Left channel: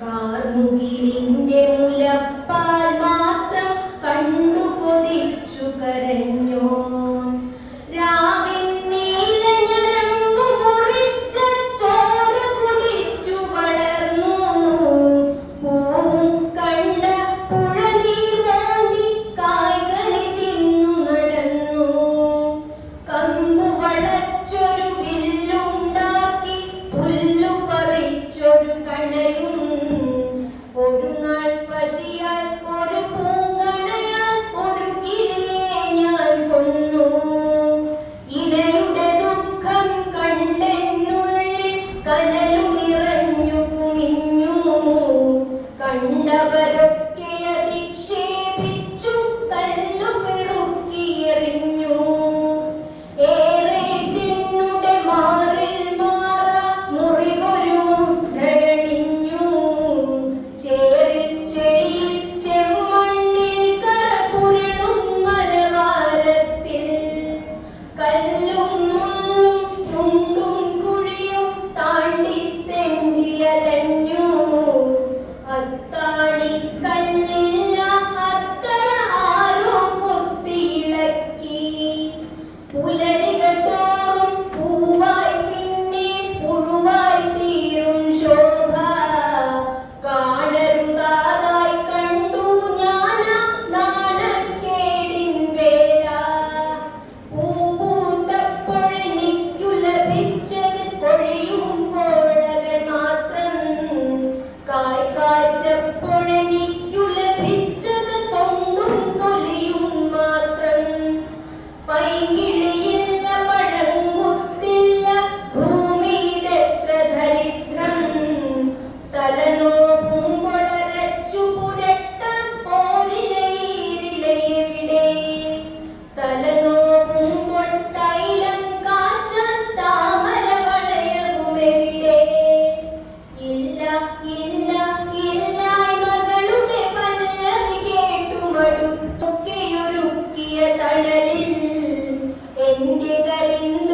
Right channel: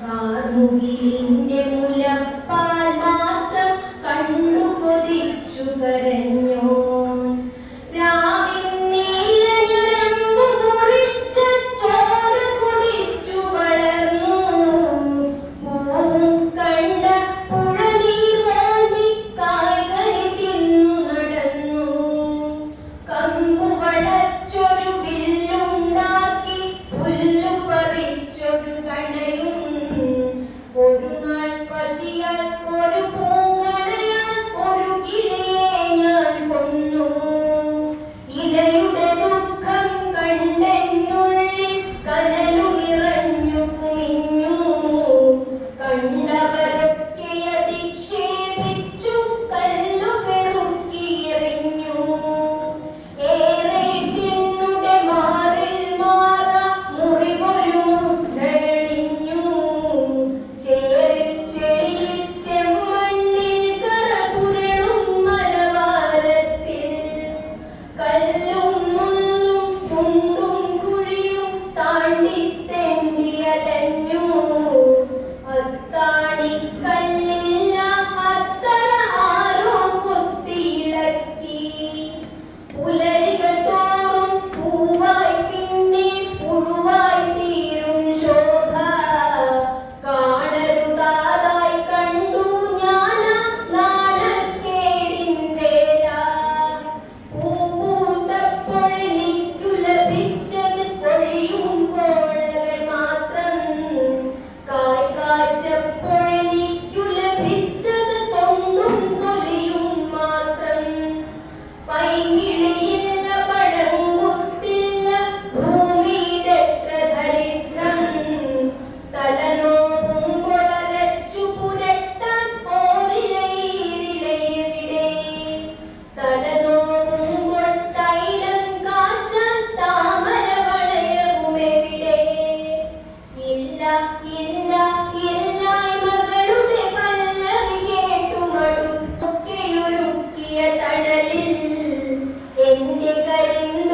കാർമുകിലിന്റെ മുലപ്പാൽ കടലിൽ എന്റെ കരിഞ്ഞ